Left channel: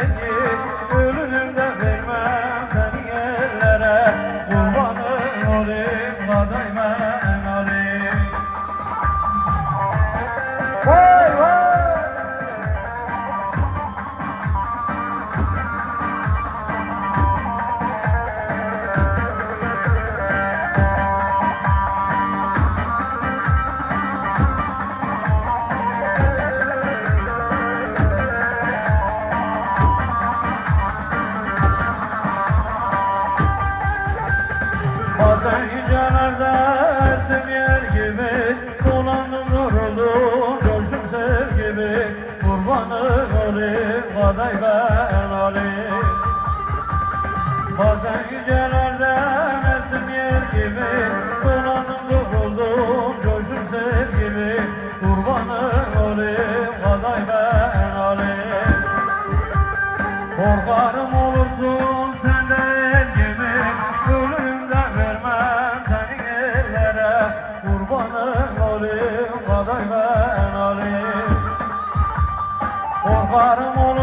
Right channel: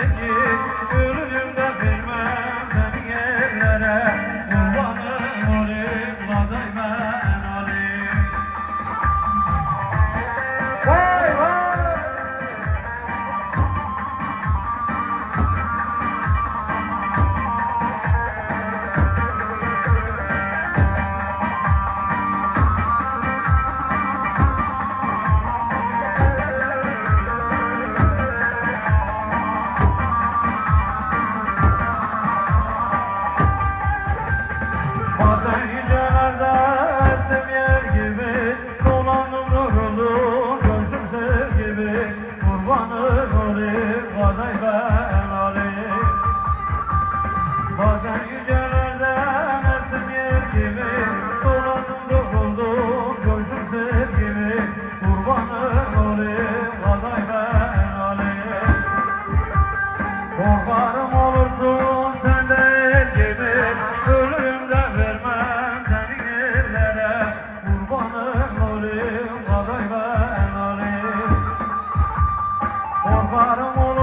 beni Gönlümde kurbanım olayım Baday ben olayım Bazen güzel I don't wanna